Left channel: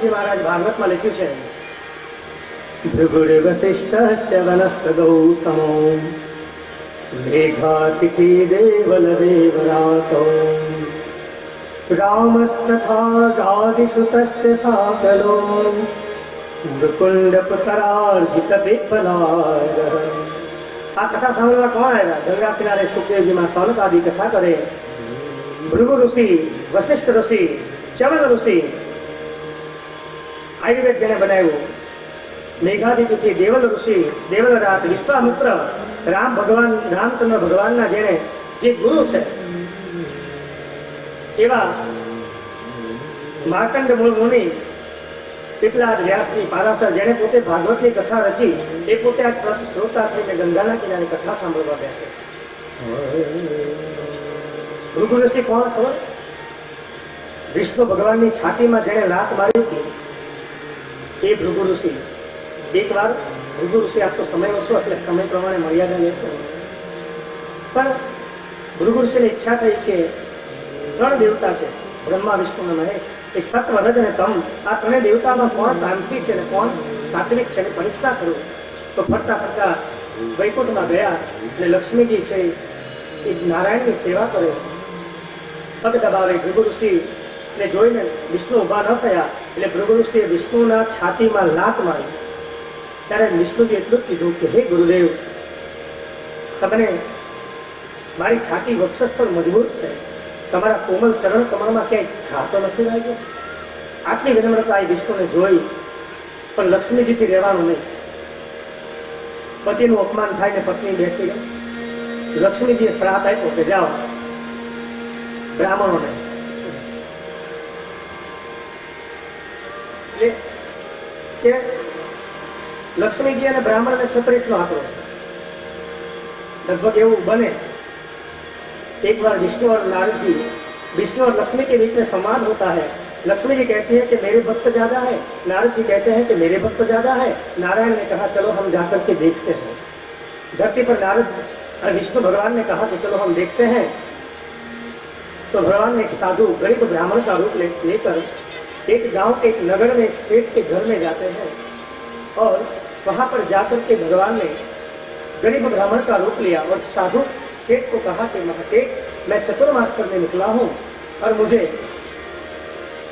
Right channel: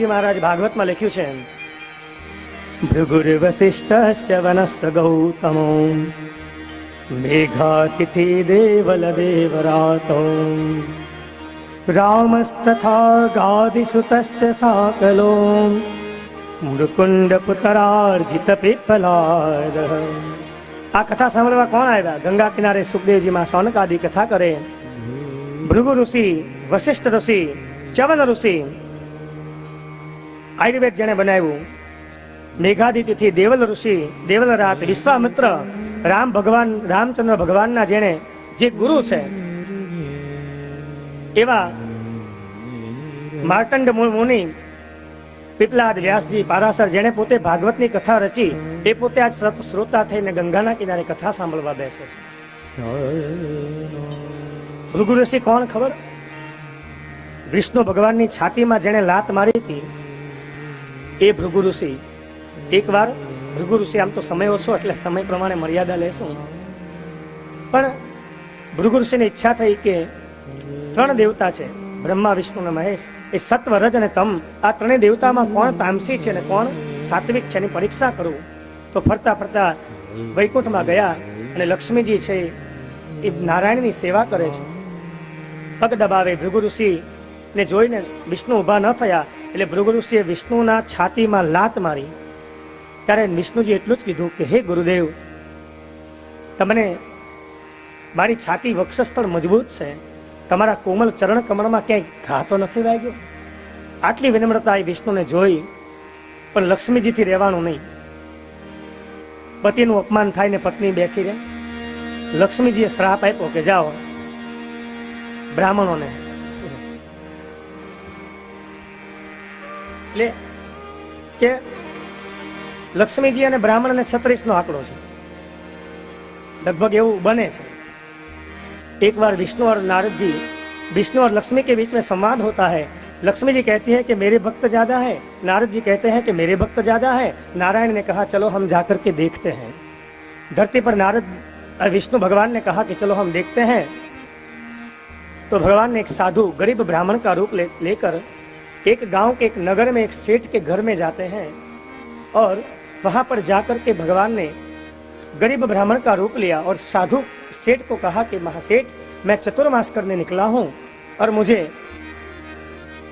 सुखदेव जी महाराज भागवत में लिख्યું છે ભૃગુર્વસિષ્ઠશ્ચ વનસ્ય ગૌતમો મેઘાતિથિ દેવલ દેવરાતો રામસ્તથા ગાદિસુતશ્ચ સાકલો મુકુંદ પુત્રાર્જિત પીપલાદ। આ કથા સાંભળવા કોણ આવ્યા? ગંગા કિનારે સુખદેવજી માં સૌનક આદि કથા કરે। ભૃગુ ઋષિ, વશિષ્ઠ ઋષિ, ચ્યવન ઋષિ, આયુર્વેદ જેને બનાવ્યું, મેઘાધિપતિ દેવલ ઋષિ, દેવલરાજ, વિશ્વામિત્ર, રામ ભગવાન, રામચંદ્ર ભગવાનના જેને જે ગુરુ છે એવા માર્કંડ મુનિ, પીપલાદ, વ્યાસજી, પારાશર જેને પોતે ભાગવતની કથા રચી એ પોતે આ શ્રોતા થઈને ગંગાના કિનારે કથા સાંભળવા બેસે છે। ભૃગુ ઋષિ કોણ ખબર? વિષ્ણુ ભગવાનની છાતીમાં જેને લાત મારી હતી એ ભૃગુ ઋષિ। એક વાર ભૃગુ ઋષિ, આમ તો સમય ઓછો એટલે સમય પ્રમાણે મર્યાદા લેશો, પણ ભૃગુ ઋષિની ઈચ્છા થઈ કે ત્રણ દેવતા છે, બ્રહ્મા, વિષ્ણુ અને મહેશ, એ સત્વ, રજ અને તમ, આ ત્રણેય દેવતામાં કોણ તામસી છે અને કોણ સાત્વિક છે એની પરીક્ષા કરું। તો ફરતા ફરતા વૈકુંઠમાં ગયા અને લક્ષ્મીજી છે એ નારાયણની સેવા કરે છે, પગ દબાવે। ભૃગુ ઋષિને જોઈને વિષ્ણુ ઊભા ન થયા એટલે ભૃગુ ઋષિએ વિષ્ણુના છાતીમાં લાત મારી। ત્યારે વિષ્ણુજી એટલું જ કીધું કે હે ગુરુદેવ, તમને મારી છાતી વક્ષસ્થળ મજબૂત છે, તમારા કોમલ ચરણ કમળમાં ક્યાંય ઘા તો નથી લાગ્યો? આટલી વિનમ્રતા એ વિષ્ણુને જોઈ, પણ લક્ષ્મીજીથી રહેવાનું નહીં। પતિનું અપમાન થાય ને પત્ની બેઠી રહે। લક્ષ્મીજીએ શ્રાપ આપ્યો કે જાઓ બ્રાહ્મણોને, એટલે કે લક્ષ્મીજી અને બ્રાહ્મણને 36 નો આંકડો છે, लगभग એવું बने। एक बार विष्णु और नारद जी, विष्णु और लक्ष्मी के बीच में संवाद होता है। लक्ष्मी जी कहती है कि मेरे भक्त ज्यादा है, नारद जी कहते हैं कि मेरे भक्त ज्यादा है। नारायण ने कहा चलो हम जाकर के देखते हैं। धरती पर नारद और विष्णु भगवान ने कहा कि चलो हम देखते हैं। तो भगवान ने एक साधु गरीब ब्राह्मण का रूप लेकर एक गांव के, एक नगर में, एक सेठ के घर में जाते हैं और वहां पर जाकर के भगवान ने गरीब ब्राह्मण का रूप लिया और साधु सेठ को कहा कि महासेठ, मैं चतुर्मास करने निकला हूँ और मुझे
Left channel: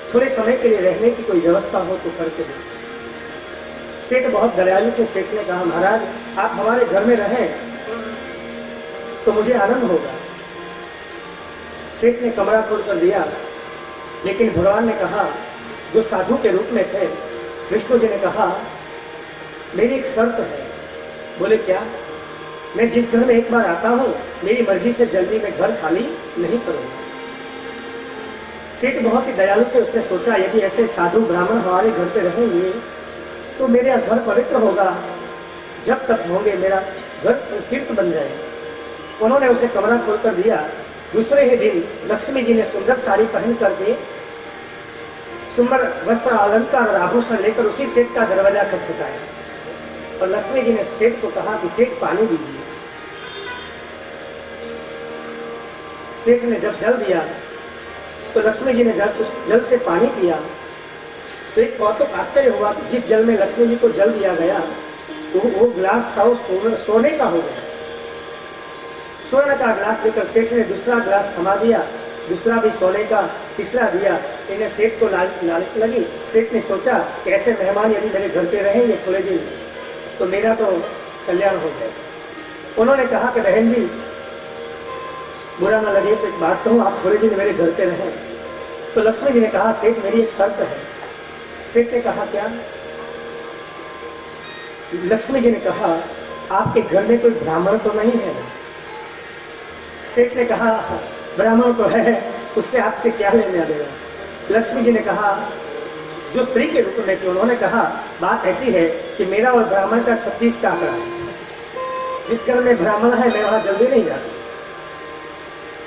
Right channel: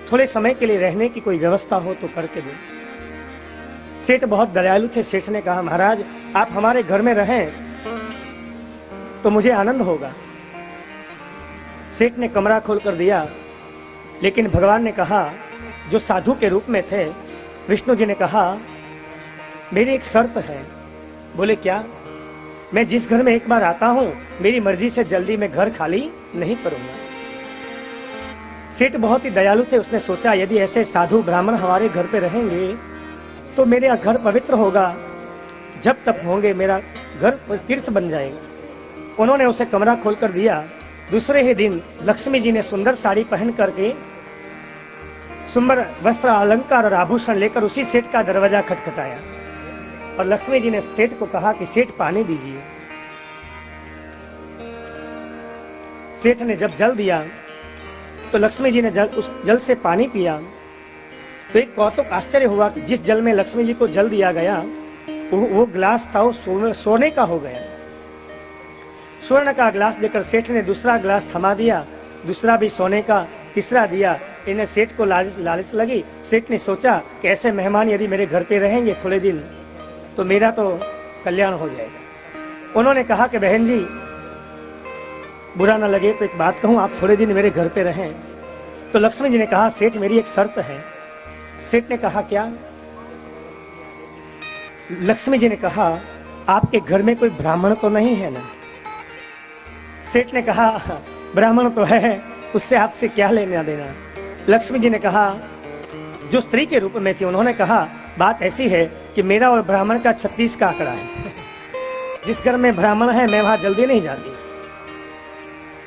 थोड़े समय के लिए रहने की कोई व्यवस्था हो तो करके दो। सेठ बहुत दयालु थे। सेठ ने कहा महाराज आप हमारे घर में रहें तो मुझे आनंद होगा। सेठ ने कमरा खोल कर दिया, लेकिन भगवान ने कहा, जो साधु के रूप में थे, विष्णु जी ने कहा मेरी एक शर्त है। बोले क्या? मैं जिस घर में एक बार आता हूँ मेरी मर्जी से जल्दी मैं घर खाली नहीं करूँगा। सेठ बहुत ही दयालु थे। उसने सोचा यदि ऐसे साधु ब्राह्मण हमारे घर पे रहेंगे तो मेरा घर पवित्र होगा, जब तक होंगे मेरा घर तीर्थ बन जाएगा। उन्होंने उसे कमरा खोल कर दिया। दूसरे ही दिन लक्ष्मी जी ने सुंदर साड़ी पहन करके सुंदर वस्त्र, अलंकार और आभूषण लेकर उसी सेठ का दरवाजा खटखटाया और लक्ष्मी जी ने सेठ को कहा कि सेठ पानी दीजिए। सेठ ने जब जल दिया तो लक्ष्मी जी ने उस जल से पानी पिया तो एक कौतुक आश्चर्य हुआ कि जिस जल में लक्ष्मी जी को जल दिया गया वो गिलास था वो सोने का हो गया। स्वर्ण का गिलास देकर सेठ ने दूसरा गिलास थमा दिया, दूसरा भी सोने का, तीसरा दिया। इन्हें सेठ को लालच लगी। सेठ ने सोचा कि ऐसे मेहमान यदि मेरे घर पे रहेंगे थोड़े दिन तो मेरा तो कल्याण हो जाएगा। उन्होंने कहा कि बहन जी बुरा ना लगे तो एक बात कहूँ, आप थोड़े दिन मेरे घर पे रहें। तो लक्ष्मी जी ने कहा सेठ मेरी एक शर्त है। सेठ ने कहा क्या? लक्ष्मी जी ने कहा आपके घर में कोई ब्राह्मण तो नहीं है ना? सेठ ने कहा ब्राह्मण तो है, उससे आपसे क्या लेना देना। लक्ष्मी जी ने कहा, जो स्त्री के रूप में थी, उन्होंने कहा बात ऐसी है कि मेरा और ब्राह्मण का 36 का आंकड़ा है। जिस घर में ब्राह्मण है मैं वहां जल्दी नहीं जाती,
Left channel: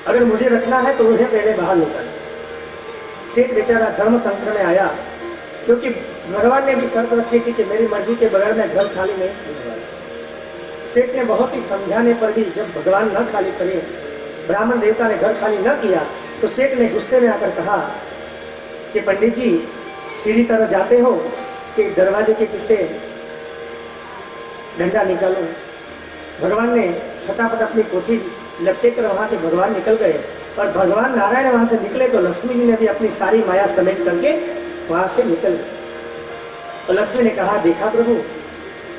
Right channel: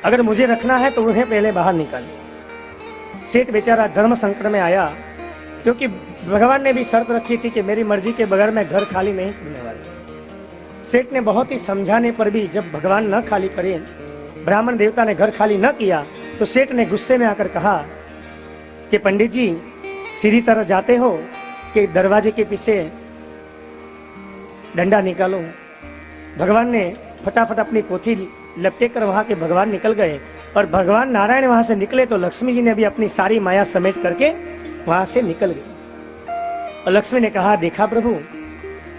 अगर मुझे रखना है तो उन्हें पहले बाहर निकाल। सेठ बेचारा धर्म संकट में आया, क्योंकि भगवान ने भी शर्त रखी थी कि मेरी मर्जी के बगैर मैं घर खाली नहीं करूंगा। सेठ ने बहुत ही समझाने पर भी जब भगवान न खाली करे, ब्राह्मण देवता ने घर खाली न किया, तो सेठ ने गुस्से में आकर कहा कि पंडित जी सीधी तरह जाते हो कि दरवाजे के पीछे डंडा निकालो। भगवान ने फटाफट अपनी पोथी लपटे कर वहां के भगवान निकल गए और भगवान नारायण वहां से निकले तो लक्ष्मी जी ने भी अपनी सारी माया समेट करके वहां से निकल गए। और लक्ष्मी ने कहा, देखा प्रभु,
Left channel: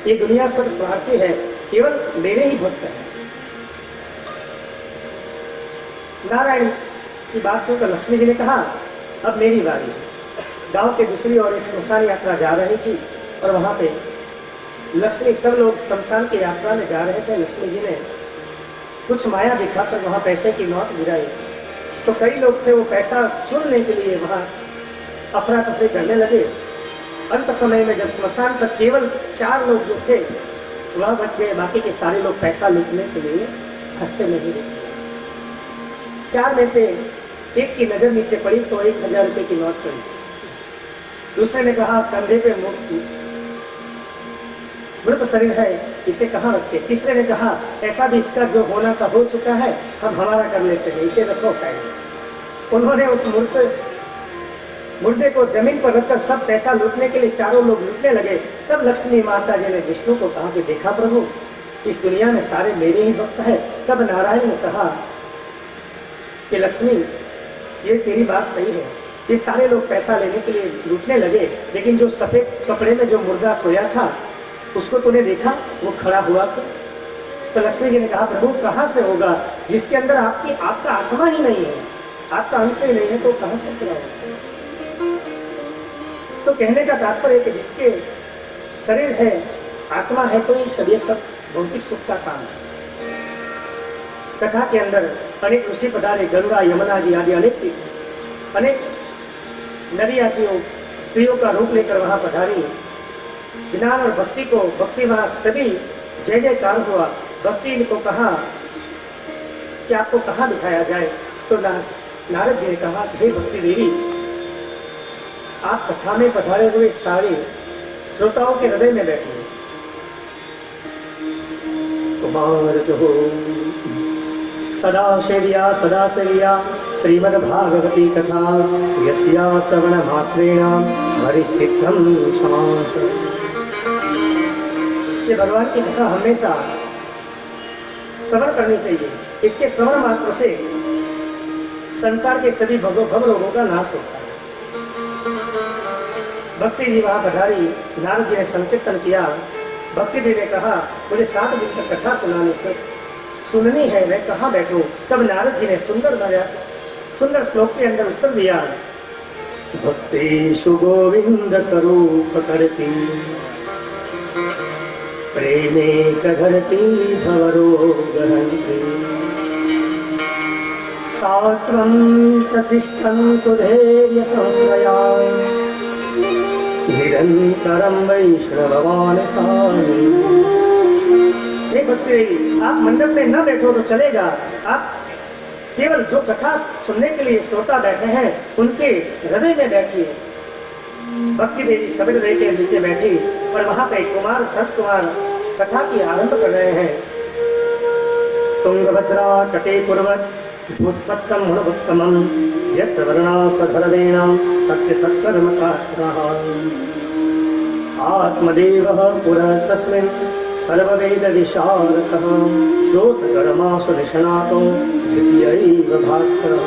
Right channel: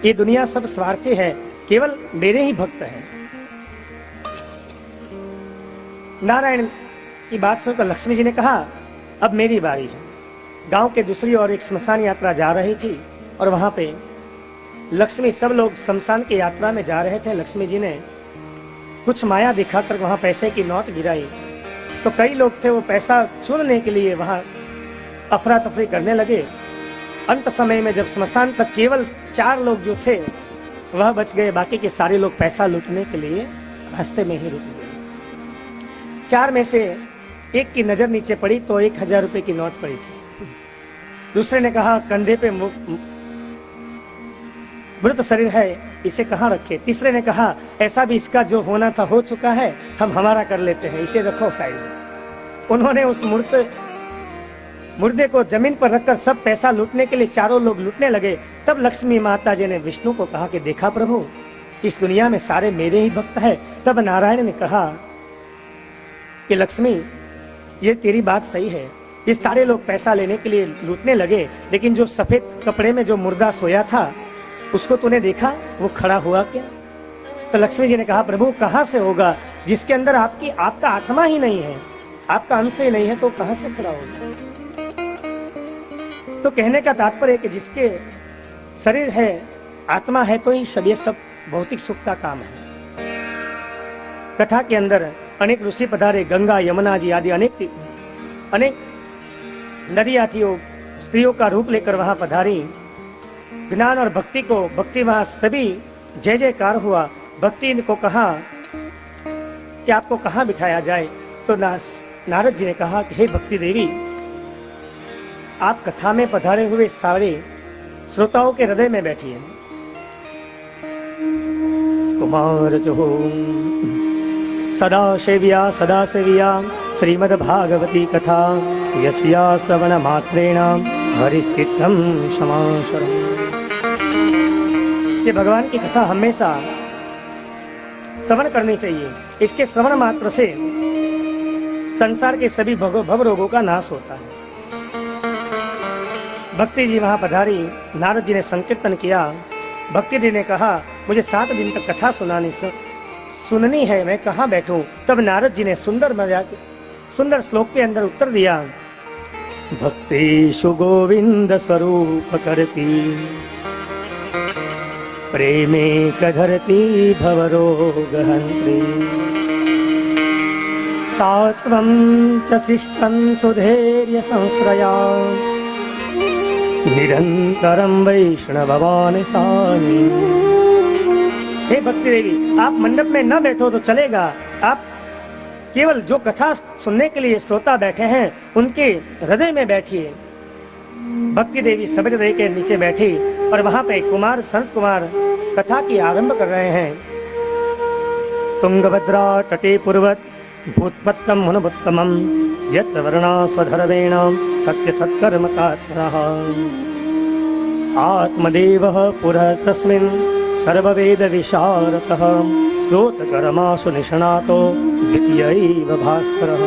ये दुनिया सब स्वार्थी है, केवल मेरे ही भक्त हैं। नारायण की बात सुनकर लक्ष्मी जी ने कहा, अब मेरी बारी है। गांव के दूसरी ओर एक श्मशान यात्रा जा रही थी और वहां पे लक्ष्मी, सब लोग शमशान की यात्रा में जा रहे थे। लक्ष्मी जी ने कुछ माया दिखाकर वहां पैसे की नोट गिराई तो कई लोग थे वो पैसा चुनने के लिए वहां अफरा तफरी करने लगे। अंत समय में जब श्मशान तक केवल 4 लोग जो थे वह बच गए, बाकी के सारे लोग पैसा लूटने के लिए हंसते में ही रुक गए। 4 में से एक की नजर नीचे पड़ी तो 1000 रुपये की नोट पड़ी। दूसरे ने कहा, कंधे पे मृत शरीर है, इसे कहाँ रखे। तीसरे ने कहा, ऐसा भी इसका जो होना था हो चुका है, हम हमारा कर लेते हैं, इसे रखो साइड। उन्होंने उस मुर्दे को जमीन पर रखकर सब पैसा लूटने के लिए 4 लोग लूटने लगे। तब लक्ष्मी माता जी ने विष्णु को कहा कि देखा प्रभु, इस दुनिया में सारे मेरे ही भक्त हैं। तब नारायण ने कहा कि लक्ष्मी, ये तेरी बात सही है, ये सारे लोग पैसा लेने के लिए लूटने लगे, लेकिन जो सफेद कपड़े में जो मुर्दा सोया था उसको तूने देखा, वो खड़ा हुआ। तो लक्ष्मी जी ने कहा, प्रभु कहाँ से होगा, जिसके अंदर आपका आत्मा ही नहीं है, आपका अंश ही नहीं है, तो कहाँ से खड़ा होगा। तो कहने का तात्पर्य कि जिसके शरीर है, आत्मा है, तो ये शरीर सब भौतिक सुख का काम है। कथा के अंदर अनेक ऋषि पधारे, गंगा यमुना जी आदि अनेक नदियाँ थी, वो स्त्रियों का रूप लेकर वहां पधारी। ज्ञान और भक्ति को, भक्ति वहां सभी जय जयकार हुआ। भक्ति को कहा कि आपको कहाँ बिठाया जाए, तो नारद जी ने कहा, हे भक्ति देवी, आप कथा में पधारे हुए सारे श्रोताओं के हृदय में बैठिए। कुमार जो सदा सेविया श्रीमद्भागवती कथा यस्या श्रवण मात्रेण वरिश्चित्तं समाशय। ये भगवान की कथा हमेशा श्रवण करनी चाहिए। इसके श्रवण मात्र से संसार के सभी भव रोगों का नाश होता है। भक्ति जी वहां पधारी, नारद जी ने संकीर्तन किया। भक्ति जी ने कहा, मुझे 7 दिन तक कथा सुननी है, मैं कहाँ बैठूं। तब नारद जी ने सुंदर श्लोक के अंदर उत्तर दिया, भक्तेषु गोविंद स्वरूप करती प्रेमे कधरती भवरोगहन्त्री सात्वं च शिष्टं सुधैर्य संश्रया निरंतरं वैष्णवान् सामि। हे भक्ति देवी, आप मंडप में न बैठो तो चलेगा, आप केवल जो कथा सुनने के लिए श्रोता बैठे हैं उनके हृदय में बैठिए। भक्ति देवी सवेद के नीचे बैठी और वहां पे कुमार संत कुमार कथा की आरंभ कर रहे हैं। तुंगभद्रा तटे पूर्वत भूतपत्तम अनुपत्तमं यत्र वर्णा स्वधरेण सत्य सत्कर्म कारः आत्मदेवः पुरः तस्मिन् सर्ववेद विशारदः श्रोतकर्मासु निष्णातो द्वितीयैव भास्करः।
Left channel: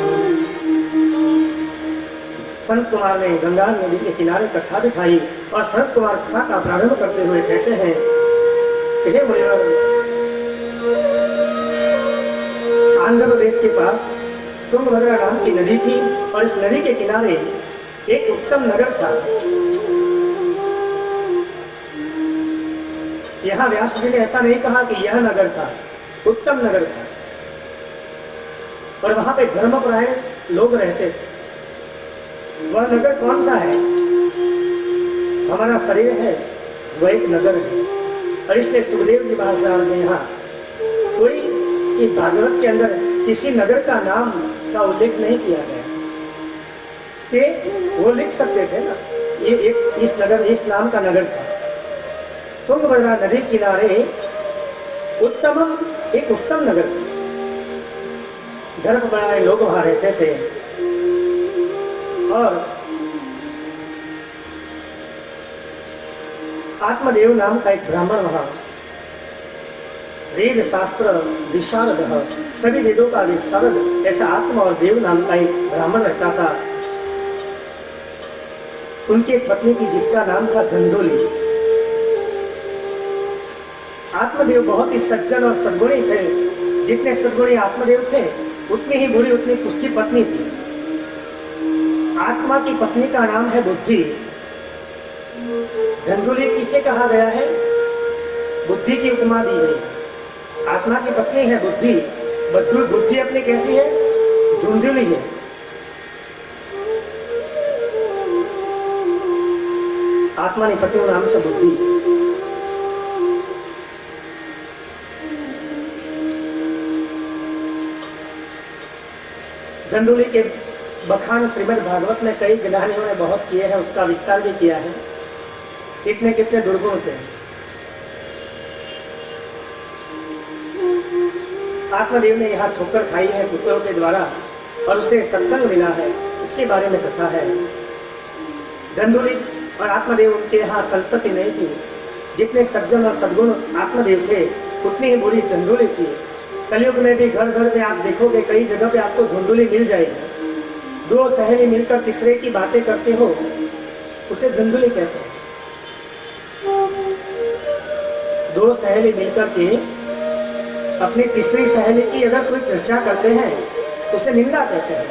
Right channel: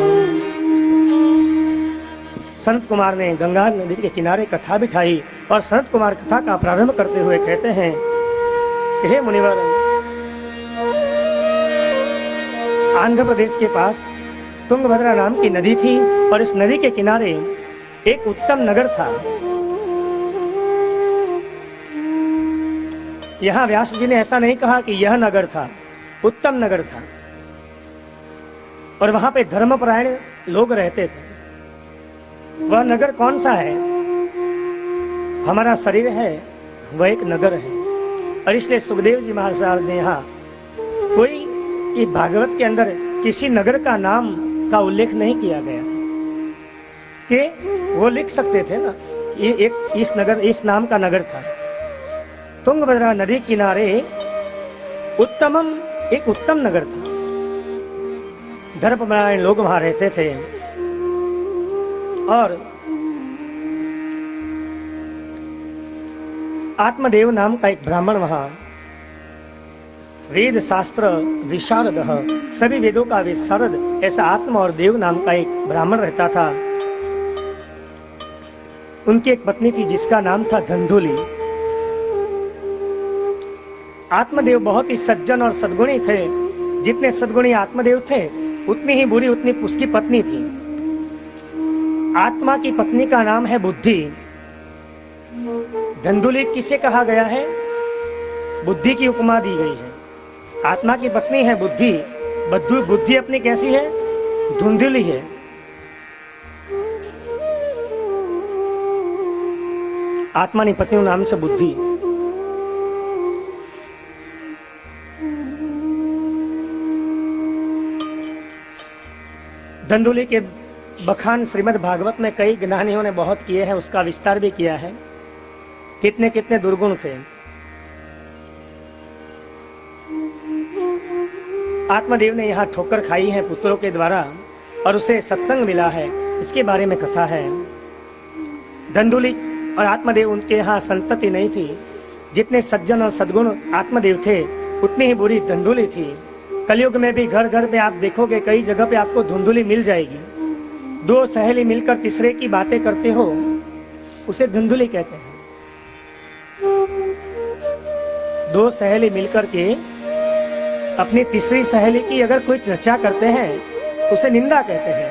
संत कुमार ने गंगा नदी के किनारे कथा बिठाई और संत कुमार कथा का प्रारंभ करते हुए कहते हैं, हे मुनिवर, आंध्र प्रदेश के पास तुंगभद्रा नाम की नदी थी और इस नदी के किनारे एक उत्तम नगर था। यहाँ व्यास जी ने ऐसा नहीं कहा कि यह नगर था, उत्तम नगर था और वहां पे धर्मपरायण लोग रहते थे। वह नगर कौन सा है? हमारा शरीर है, वह एक नगर है। और इसलिए सुखदेव जी महाराज ने यहाँ कोई ये भागवत के अंदर किसी नगर का नाम का उल्लेख नहीं किया गया कि वो लिख सकते थे ना, ये एक इस नाम का नगर था। तुंगभद्रा नदी किनारे एक उत्तम नगर था। धर्मपरायण लोग वहां रहते थे और आत्मदेव नाम का एक ब्राह्मण वहां वेद शास्त्र विशाल सभी वेदों का विशारद ऐसा आत्मा और देव नाम का एक ब्राह्मण रहता था। उनकी एक पत्नी थी जिसका नाम था धंधुली। आत्मदेव बहुत ही सज्जन और सद्गुणी थे। जितने सद्गुणी आत्मदेव थे उतनी ही बुरी उतनी उसकी पत्नी थी। आत्मा की पत्नी का नाम है बुद्धि। धंधुली किसे कहा गया है? बुद्धि की उपमा दी गई है। आत्मा की पत्नी है बुद्धि। बुद्धि अपनी कैसी है? धुंधली है। आत्मा की पत्नी नाम से बुद्धि। धंधुली के बखान श्रीमद् भागवत में कई ज्ञानियों ने बहुत किए हैं, उसका विस्तार भी किया है। कितने कितने दुर्गुण थे। आत्मदेव ने यहाँ ठोकर खाई है पुत्रों के द्वारा और उसे सत्संग मिला है, इसके बारे में कथा है। धंधुली और आत्मदेव उनके यहाँ संतति नहीं थी। जितने सज्जन और सद्गुण आत्मदेव थे उतनी ही बुरी धंधुली थी। कलयुग में भी घर घर में आप देखोगे कई जगह पे आपको धुंधुली मिल जाएगी। दो सहेली मिलकर तीसरे की बातें करते हो उसे धुंधुली कहते हैं। दो सहेली मिलकर के अपनी तीसरी सहेली की अगर कोई चर्चा करते हैं उसे निंदा कहते हैं।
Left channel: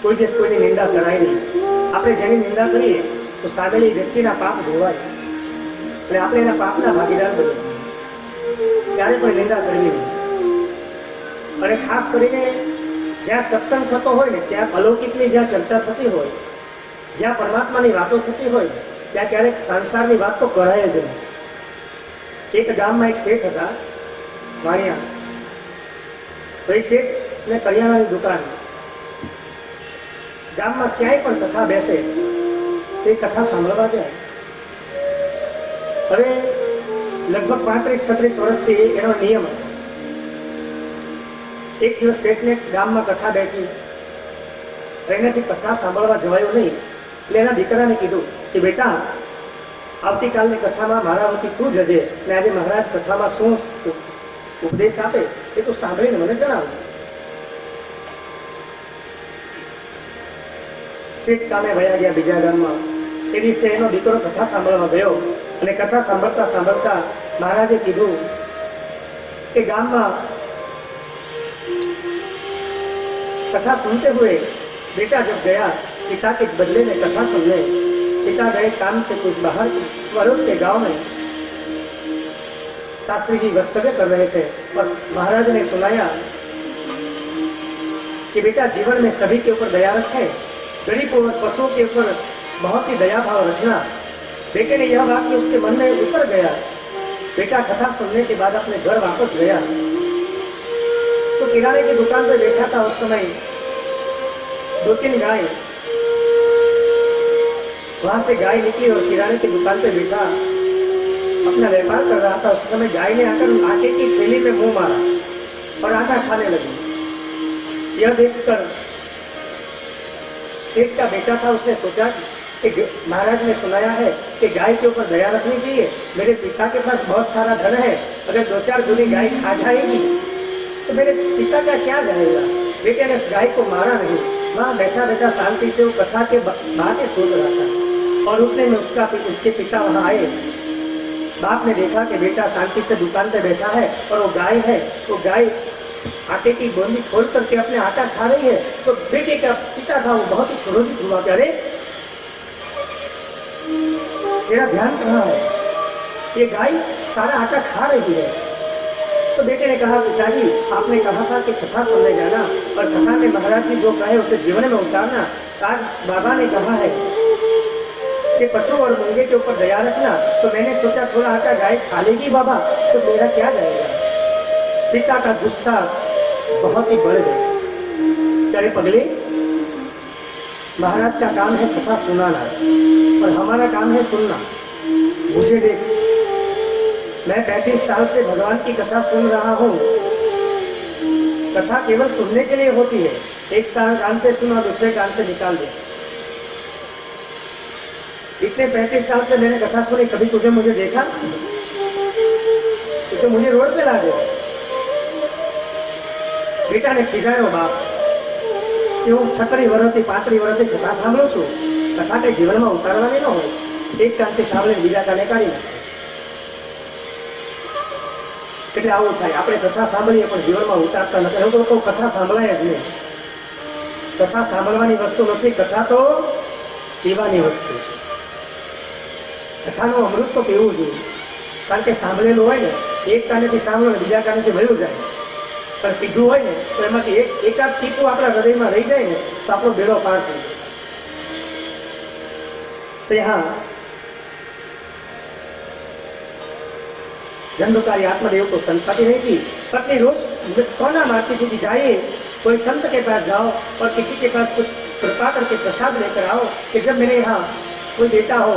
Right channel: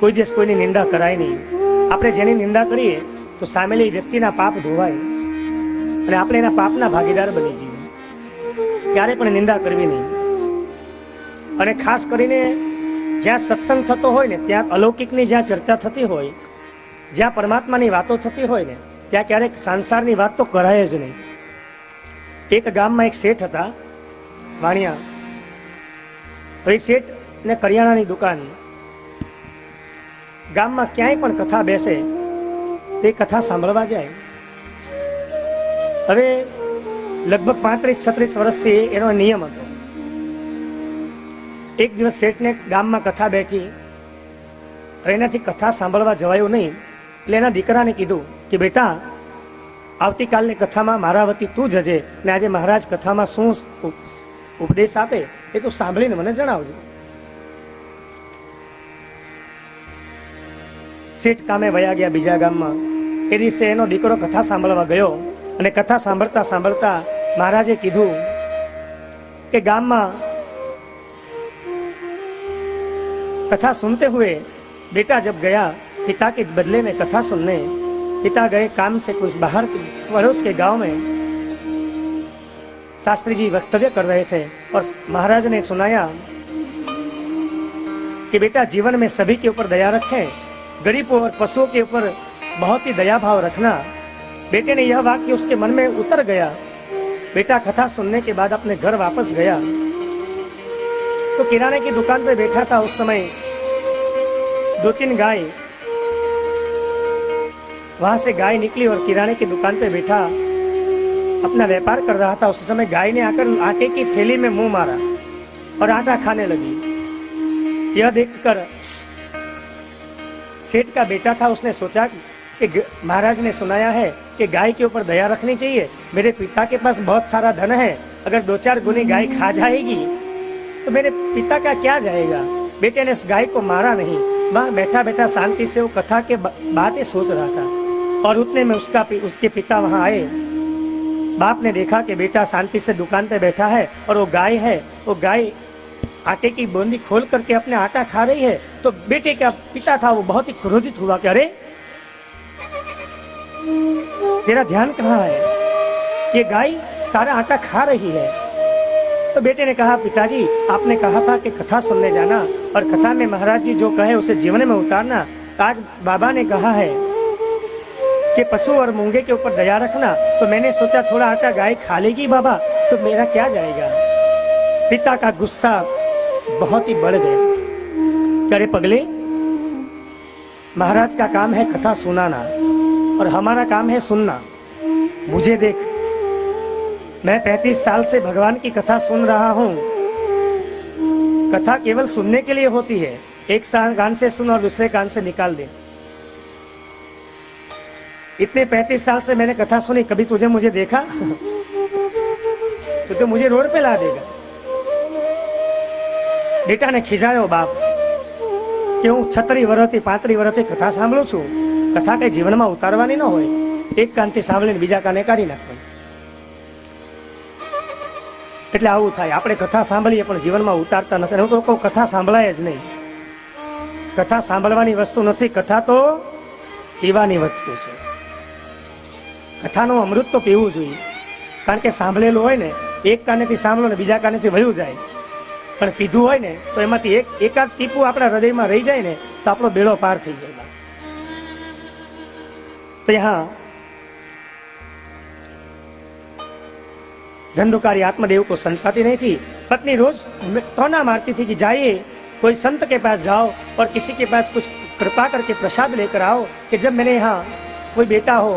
कोई देश कोई निंदा कराई नहीं। आपने जेनी निंदा करी है तो सामेली व्यक्तिना पाप धोवाય અને આપણે એના પાપના ભાગીદાર બની ક્યારે પણ નિંદા કરવી નહીં। અને ખાસ કરીને જ્યાં સત્સંગ થતો હોય ને ત્યાં અલૌકિકની જ્યાં ચર્ચા થતી હોય, જ્યાં પરમાત્માની વાતો થતી હોય ત્યાં ક્યારેક સંસારની વાત તો કરાય જ નહીં। એક ગામમાં એક શેઠ હતા વાણિયા। ભાઈ શેઠને કરિયાણાની દુકાન। ગામમાં ક્યાંય પણ કથા બેસે તે કથા સાંભળવા જાય। હવે लगभग 35-36 વર્ષથી એનો નિયમ હતો। એક દિવસ શેઠને ગામમાં કથા બેઠી, એનાથી કથા સાંભળવા જવાયો નહીં એટલે એના દીકરાને કીધું કે બેટા આવતીકાલની કથામાં મારા વતી તું જજે ને આજે મહારાજ કથામાં શું ઉપદેશ આપે એ તું સાંભળીને મને જણાવ। શેઠ કામે વયા ગયા બીજા ગામમાં। એ દિવસે એનો દીકરો કથા સાંભળવા ગયો અને કથા સાંભળતા સાંભળતા महाराजे कीधु कि गाम में कथा सुनते हुए बेटा जब गया पिता के बदले में कथा सुनने, पिता गए काम से कुछ बाहर पड़ोस के गांव में। शास्त्री जी वक्तव्य कर रहे थे और महाराज ने सुनाया कि बेटा जीवन में सभी के ऊपर दया रखें, गरीबों और पशुओं के ऊपर बहुत ही दया भाव रखना। बेटे ने यह वाक्य उसके मन में उतर गया। बेटा कथा सुनने के बाद अपने घर वापस गया तो किराने की दुकान पे बैठा था। उस समय 2-3 गाय, वहां से गाय निकली और किराने की दुकान पे बैठा अपना व्यापार कर रहा था। उस समय गाय ने आकर आटे की थैली में मुंह मारा और आटा खाने लगी। यह देखकर सेठ का बेटा था, उसने सोचा कि महाराज ने सुनाया है कि गाय के ऊपर दया रखनी चाहिए। मेरे पिता के पास बहुत सारा धन है, अगर 2-4 गुनी गाय खा जाएगी तो मेरे पिता का क्या जाएगा। बेटे ने उस गाय को मारा नहीं, वहाँ बैठा बैठा शांति से वो कथा के बातें सोच रहा था। और उतने में उसके पिता वहाँ आए। बाप ने देखा कि बेटा शांति से दुकान पे बैठा है और वो गाय है, वो गाय आटे की बूंदी खोल करके अपने आटा खा रही है। तो बेटे का पिता था वो बहुत ही क्रोधित हुआ कि अरे तेरा ध्यान कहाँ है, ये गाय सारा आटा खा रही है। तो बेटे ने कहा पिताजी आपने कहा था कि कथा सुनने जाना और कथा में महाराज जी जो कहे उसे जीवन में उतारना। आज बाबा ने कहा है कि पशु और मूंगे के ऊपर दया रखना, तो मैंने सोचा थोड़ा आटा गाय खा लेगी बाबा तो मेरा क्या जाएगा। पिता का गुस्सा बहुत ही बढ़ गया। करे पगले, महाराज का काम है कथा सुनाना और हमारा काम है सुनना। मुझे देख, मैं 35 साल से भगवान की कथा सुन रहा हूँ। कथा केवल सुनने के लिए होती है, एक कान से सुन और दूसरे कान से निकाल दे। इतने 35 साल से मैंने कथा सुनी, कभी तुझे मुझे देखा? तो मुझे रोड पे ला दे। बेटा ने खीजायो बाप कि हूँ 36 વર્ષથી 35 વર્ષથી कथा સાંભળું છું, कथा के जीवन में उतारवानी न હોય, एक कानથી સાંભળીને બીજા કાને કાઢી નાખે। એટલે આવું થાય, આપણે કથા સાંભળીએ પણ જીવનમાં ઉતારતા નથી। હું તો કહું કથા સાંભળાય જ નહીં, કથા સાંભળવાની વસ્તુ નથી, કથા તો પીવાની વસ્તુ છે। કથાનો અમૃત તો પીવું જોઈએ, કારણ કે સાંભળેલું હોય ને એક કાનેથી સાંભળો ને બીજા કાનેથી વયું જાય, પણ કીધું હોય ને તો એમાંથી એકાદ ટીપું આપણા હૃદયમાં રહી જાય ને તો આપણો બેડો પાર થઈ જાય। तो यहाँ धंधुकारी आत्मदेव को संताती नहीं थी। पत्नी रोज ताना मारती थी कि जाइए कोई संत के पास जाओ और किसी के पास कुछ कृपा करके प्रसाद लेकर आओ कि जब मेरे यहाँ कोई बेटा हो।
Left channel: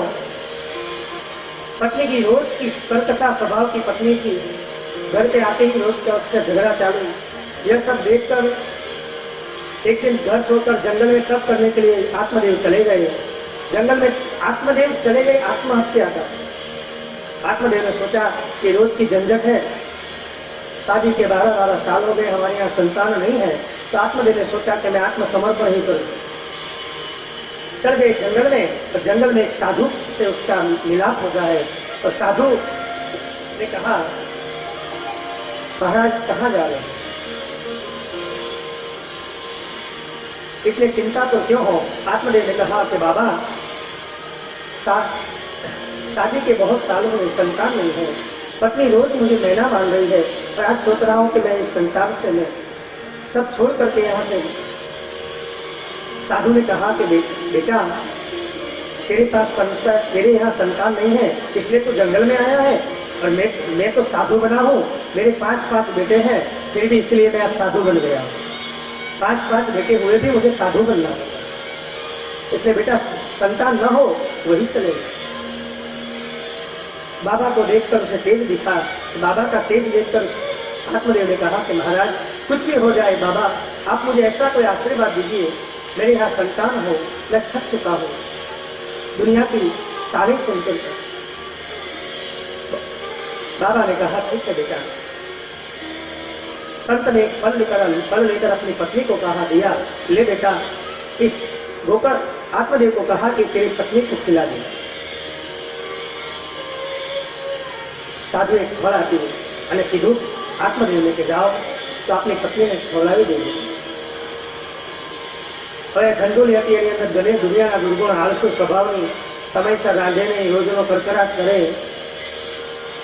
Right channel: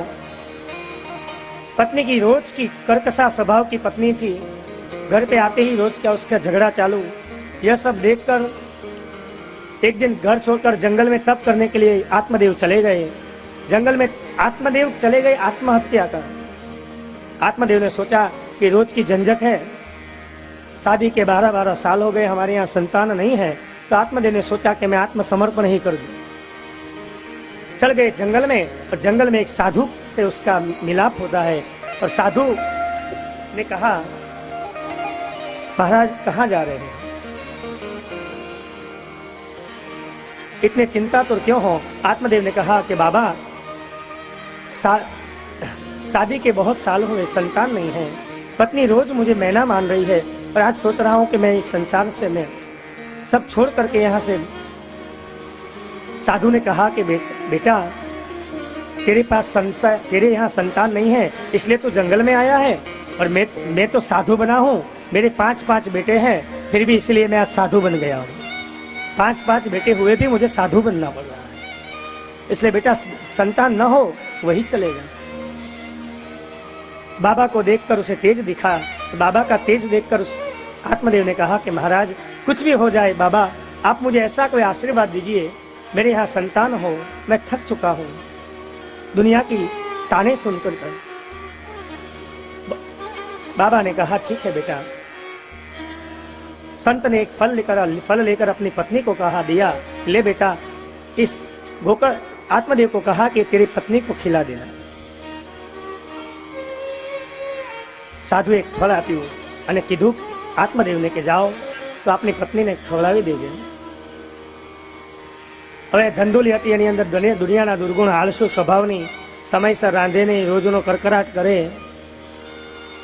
पत्नी की रोज की कर्कशा स्वभाव की पत्नी थी, घर पे आते ही रोज का उसका झगड़ा चालू। यह सब देखकर एक दिन घर छोड़कर जंगल में तप करने के लिए आत्मदेव चले गए। जंगल में आत्मदेव चले गए आत्महत्या कर। आत्मदेव ने सोचा कि रोज की झंझट है, शादी के 12-12 साल हो गए, हमारे यहाँ संतान नहीं है, तो आत्मदेव ने सोचा कि मैं आत्मसमर्पण ही करूं। चल गए जंगल में, और जंगल में एक साधु से उसका मिलाप होता है, और साधु ने कहा महाराज कहाँ जा रहे हैं, इतने चिंता तो क्यों हो। आत्मदेव ने कहा कि बाबा शादी के बहुत सालों में संतान नहीं है, पत्नी रोज मुझे मैना मार रही है, और आज सोच रहा हूँ कि मैं इस संसार से मैं सब छोड़ करके यहाँ से। साधु ने कहा कि बेटा तेरे पास तेरे यहाँ संतान नहीं है, इसलिए तू जंगल में आया है, और मैं तो साधु बना हूँ, मेरे 5 बेटे हैं, फिर भी इसलिए मैं आज साधु बन गया हूँ। 5 बेटे हुए भी मुझे साधु बनना पड़ा, इसलिए बेटा संतान न हो वही चलेगा। बाबा को देखकर उसे तेज दिखा। बाबा का तेज देखकर आत्मदेव ने कहा कि महाराज कुछ भी हो जाए बाबा, आप मुझे ऐसा कोई आशीर्वाद दीजिए, मेरे यहाँ संतान हो, मैं थक चुका हूँ दुनिया की तारीफ सुनकर। बाबा ने कहा ठीक है बेटा। संत ने एक फल लेकर अपनी पत्नी को कहा दिया, ले बेटा इस होकर आत्मदेव को कहा कि तेरी पत्नी को खिला देना। साधु एक फल आप्યું અને કીધું આત્મદેવને કે જાઓ તો આપની પત્નીને ખવડાવી દેજો। હવે ધંધુલી હતી, એની અંદર દુનિયાના દુર્ગુણ આળસુ સ્વભાવની, સમયસર રાંધે નહીં, રોજનો કરકરાટ કરે।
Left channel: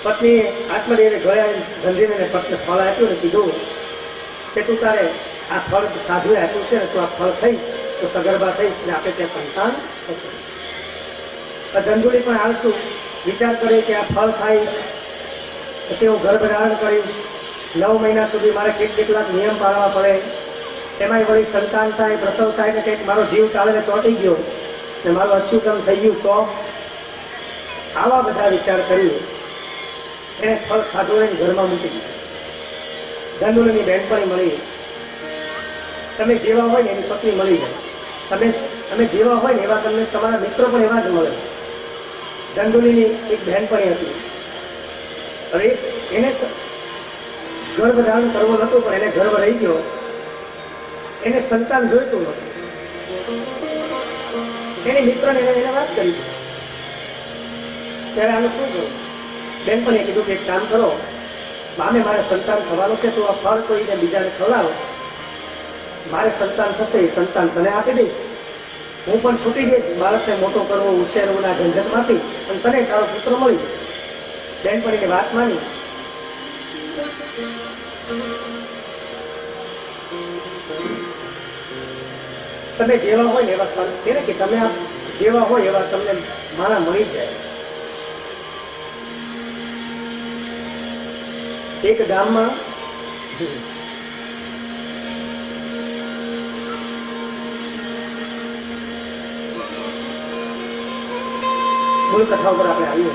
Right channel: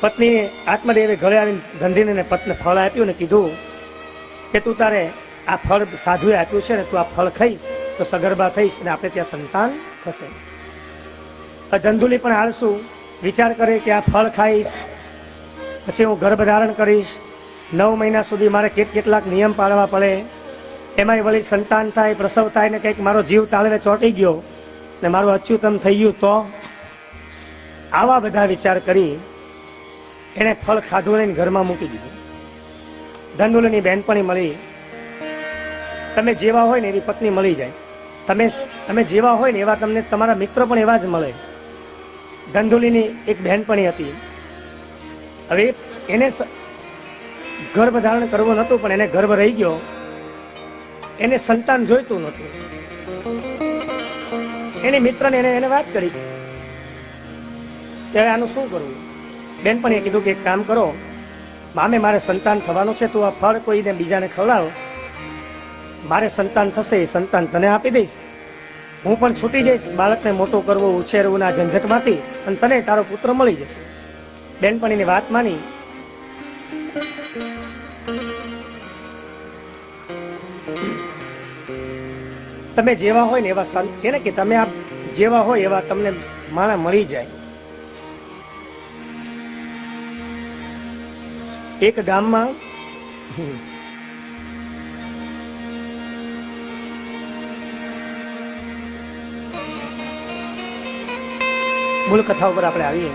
પત્નીએ આત્મદેવને ઘરે આવી ધંધીને પત્ની ફળ આપ્યું ને કીધું કે તું તારે આ ફળ સાધુએ આપ્યું છે ને, તું આ ફળ ખાઈશ તો સગર્ભા થઈશ ને આપણે ત્યાં સંતાન થશે। ધંધુલી પણ આળસુ વિચાર કરે કે આ ફળ ખાઈશ પછી હું ગર્ભ ધારણ કરીશ, 9 મહિના સુધી મારે કેટલાક નિયમ પાળવા પડે, એમાંય વળી સંતાન થાય, પ્રસવ થાય ને કંઈક મારો જીવ તાળે ચોંટી ગયો ને મારું અચ્યુતમ થઈ ગયું તો આવા બધા વિચાર કરી એને ફળ ખાધું ને ઘરમાં મૂકી દીધું। ધંધુલીની બહેનપણી મળી, તમે જેવા હોય ને એની પત્ની મળી જાય, તમે જેવા હોય ને એવા તમને તમારા મિત્રો પણ એવા જ મળે। ધંધુલીની એક બહેનપણી હતી, હવે એને ગર્ભ ધારણ કરવો નહોતું પણ એને ગર્ભ રહી ગયો, એને સંતાન જોઈતું નહોતું। એની મિત્રને એને વાત કરી, ત્યારે આનું શું કરવું? બેનપણીએ કીધું કે એક કામ કરો, મામે મારે સંતાન થવાનું છે, તું આ ફળ કોઈને બીજાને ખવડાવો, મારે સંતાન થશે એ સંતાન તને આપી દઈશ, હું પણ છૂટી જઈશ બાળકને મોટો કરવો ઉછેરવું આ ઝંઝટમાંથી, અને તને તારો પુત્ર મળી જશે। બેનપણીની વાત માની તમે જેવા હોય ને એવા સંત કહે કે તમે આ જેવા હોય એવા તમને મારા મળી જાય। એક ગામમાં મૂળ કથા ઉપર આપણે આવીએ।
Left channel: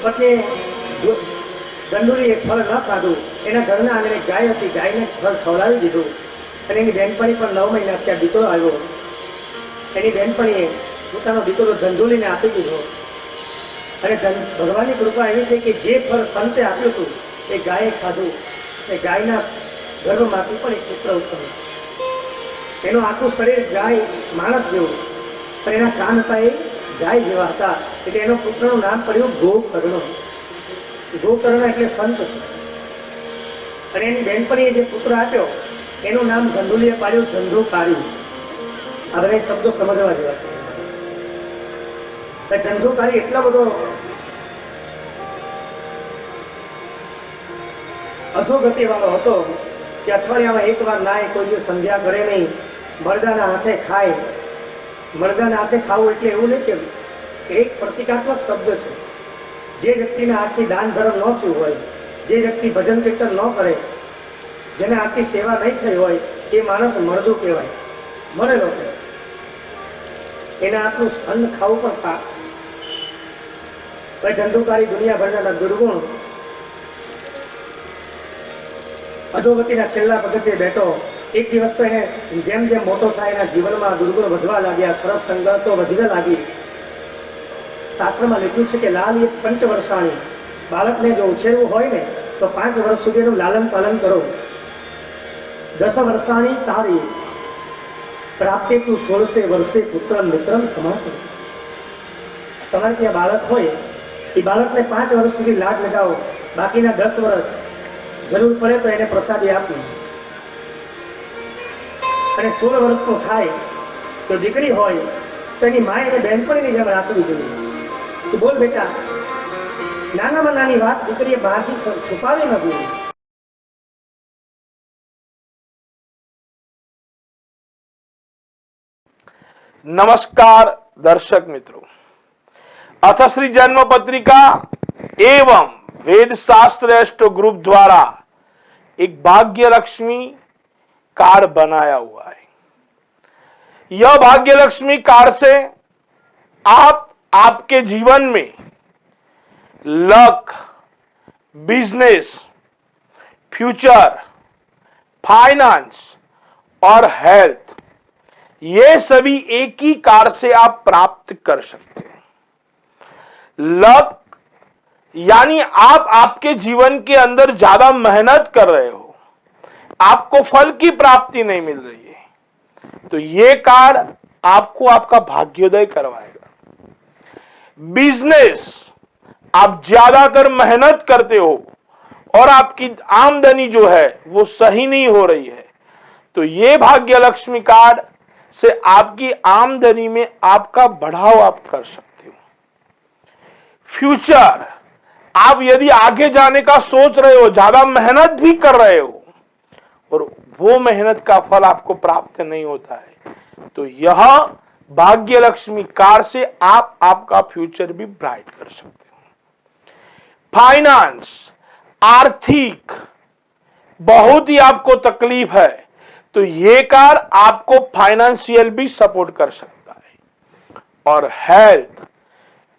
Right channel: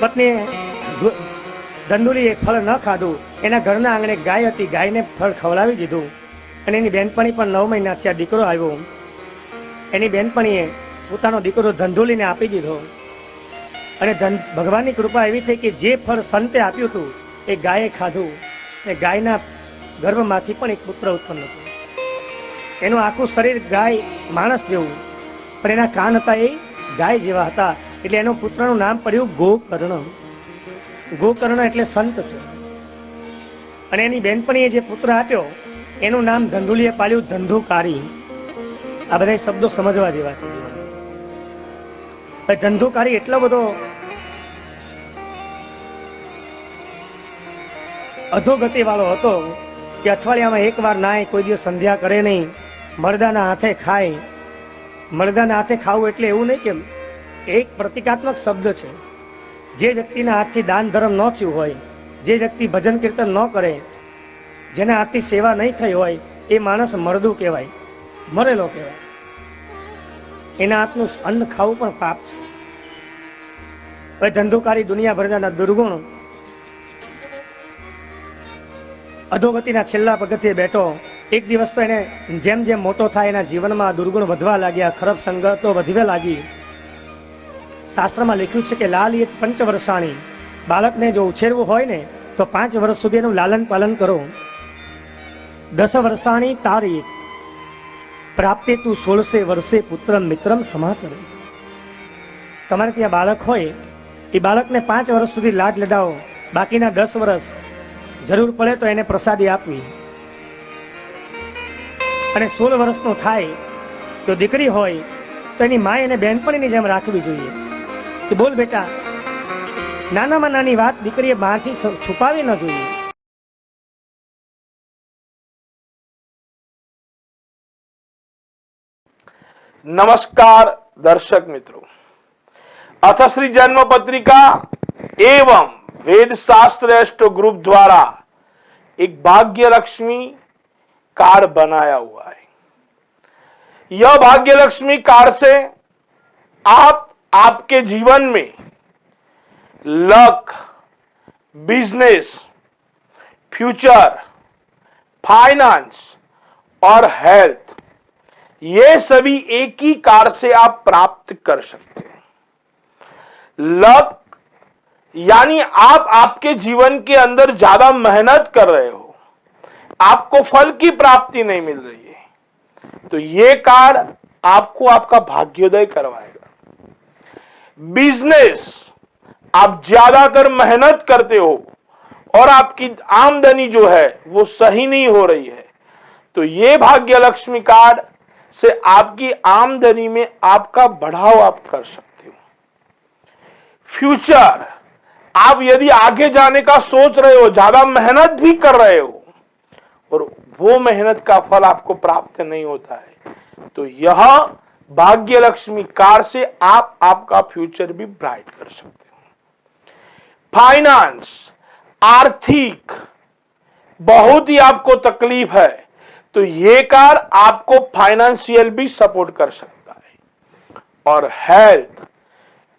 પત્નીએ ધંધુલીએ ફળ ન ખાધું, એના ઘરના આંગણે ગાય હતી, ગાયને ફળ ખવડાવી દીધું, અને એની બહેનપણી પણ 9 મહિના ત્યાં દીકરો આવ્યો। એની બહેનપણીએ પોતાનો દીકરો ધંધુલીને આપી દીધો. અને ભગવાનની કૃપા એવી છે કે જે ફળ સંતે આપ્યું હતું એ ગાયે ખાધું. એ ગાયના ગર્ભમાંથી પણ એક પુત્ર ઉત્પન્ન. એનું આખું શરીર ગાય માણસ જેવું, પણ એના કાન હતા એ ગાય જેવા હતા. એટલે એનો પુત્રનું નામ પડ્યું ગોકર્ણ. ગોકર્ણ એટલે સંત છે. અને એની બેનપણીએ જે પુત્ર આપ્યો એનું નામ ધંધુલીએ પાડ્યું ધંધુકારી. આ બધા શબ્દો સમજવા જેવા છે. ધંધુકારી એટલો બધો અધોગતિ વાળો હતો કે અઠવાડિયામાં એક વાર નાય, કોઈ દિવસ સંધ્યા કરે નહીં, મરદાના હાથે ખાય. મરદાના હાથે ખાવું એટલે એવું નહીં કે એક પ્રતિકાત્મક શબ્દ છે. જે વ્યક્તિના હાથથી દાન ધર્મ ન થયું હોય, જે વ્યક્તિ ભજન કીર્તન ન કરે, જેના હાથથી સેવા નહીં થઈ હોય, એ માણસ મરદું કહેવાય, મરેલો કહેવાય. એના હાથનું અન્ન ખાવું પણ પાપ છે. પણ ધંધુકારી દુનિયાભરના દુર્ગુણ અધોગતિના છેલ્લા પગથિયે બેઠો. એક દિવસ તો એને જેમ જેમ મોટો થાય એના જીવનમાં દુર્ગુણ વધવા લાગ્યા, ખરાબ સંગતો વધવા લાગી. શાસ્ત્રમાં લખ્યું છે કે લાલિત પંચવર્ષાની, બાળકને જો ઉછેરવું હોય ને તો 5 વર્ષ સુધીનું લાલન પાલન કરો. 10 વર્ષાની તારી પ્રાપ્તે તું 16 વર્ષે પુત્ર મિત્રમ સમાચાર. તમારે ત્યાં બાળક હોય એ બાળકને 5 વર્ષ સુધી લાડ લડાવો, બાકીના 10 વર્ષ જરૂર પડે તો એને પ્રસાદી આપવી. અને 16 વર્ષનું થાય તો દીકરી હોય તો એની મા એને બહેનપણીની જેમ રાખવી જોઈએ. કે બોલ બેટા, નાનામાં નાની વાત દીકરીએ માથી છુપાવી ન જોઈએ. नमस्कार दर्शक मित्रों, अथश्री जन्म पत्रिका एवं वेद शास्त्र एस्ट्रो ग्रुप द्वारा एक भाग्य लक्ष्मी कार्ड बनाया हुआ है. यह भाग्य लक्ष्मी कार्ड से आप आपके जीवन में लक, बिजनेस, फ्यूचर, फाइनेंस और हेल्थ, ये सभी एक ही कार्ड से आप प्राप्त कर सकते हैं. लक यानी आप आपके जीवन के अंदर ज्यादा मेहनत कर रहे हो, आपको फल की प्राप्ति नहीं मिल रही है, तो ये कार्ड आपको आपका भाग्योदय करवाएगा. बिजनेस, आप ज्यादातर मेहनत करते हो और आपकी आमदनी जो है वो सही नहीं हो रही है, तो ये भाग्य लक्ष्मी कार्ड से आपकी आमदनी में आपका बढ़ाव आप कर सकते हो. फ्यूचर, आप यदि आगे जाने का सोच रहे हो, ज्यादा मेहनत भी कर रहे हो और वो मेहनत का फल आपको प्राप्त नहीं होता है, तो यह भाग्य लक्ष्मी कार्ड से आप आपका फ्यूचर भी ब्राइट कर सकते हो. फाइनेंस, आर्थिक बहुत ही आपको तकलीफ है, तो ये कार्ड आपको फाइनेंशियल भी सपोर्ट कर सकता है. और हेल्थ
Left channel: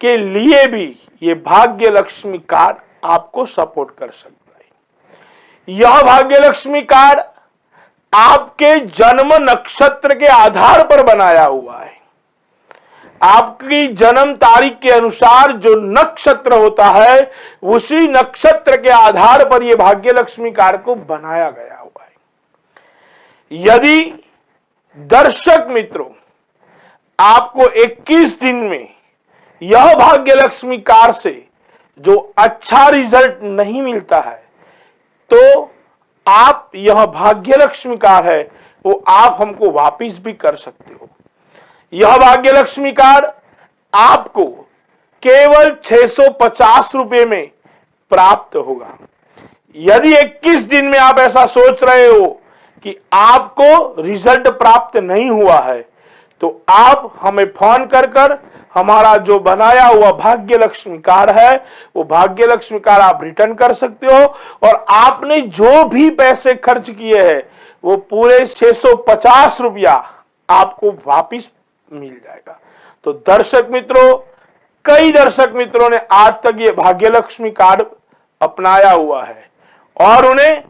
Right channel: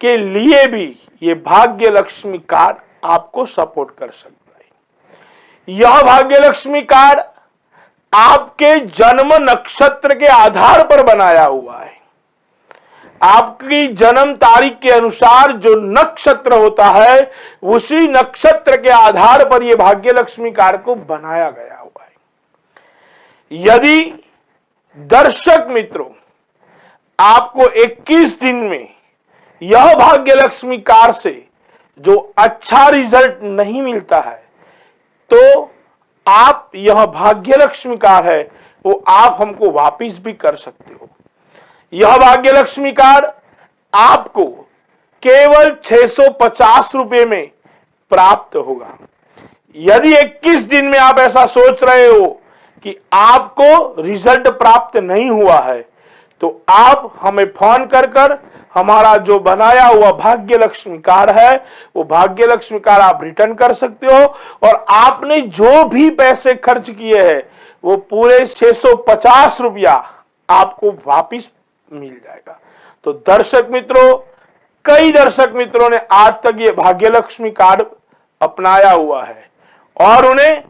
के लिए भी ये भाग्य लक्ष्मी कार्ड आपको सपोर्ट कर सकता है. यह भाग्य लक्ष्मी कार्ड आपके जन्म नक्षत्र के आधार पर बनाया हुआ है. आपकी जन्म तारीख के अनुसार जो नक्षत्र होता है उसी नक्षत्र के आधार पर यह भाग्य लक्ष्मी कार्ड को बनाया गया हुआ है. यदि दर्शक मित्रों आपको 21 दिन में यह भाग्य लक्ष्मी कार्ड से जो अच्छा रिजल्ट नहीं मिलता है, तो आप यह भाग्य लक्ष्मी कार्ड है वो आप हमको वापिस भी कर सकते हो. यह भाग्य लक्ष्मी कार्ड आपको केवल 650 रुपए में प्राप्त होगा. यदि 21 दिन में आप ऐसा सोच रहे हो कि आपको रिजल्ट प्राप्त नहीं हुआ है, तो आप हमें फोन कर हमारा जो बनाया हुआ भाग्य लक्ष्मी कार्ड है वो भाग्य लक्ष्मी कार्ड आप रिटर्न कर सकते हो और आपने जो भी पैसे खर्च किए हैं वो पूरे 650 रुपया आपको वापिस मिल जाएगा. तो दर्शक मित्रों, कई दर्शक मित्रों ने आज तक ये भाग्य लक्ष्मी कार्ड अपनाया हुआ है और उन्हें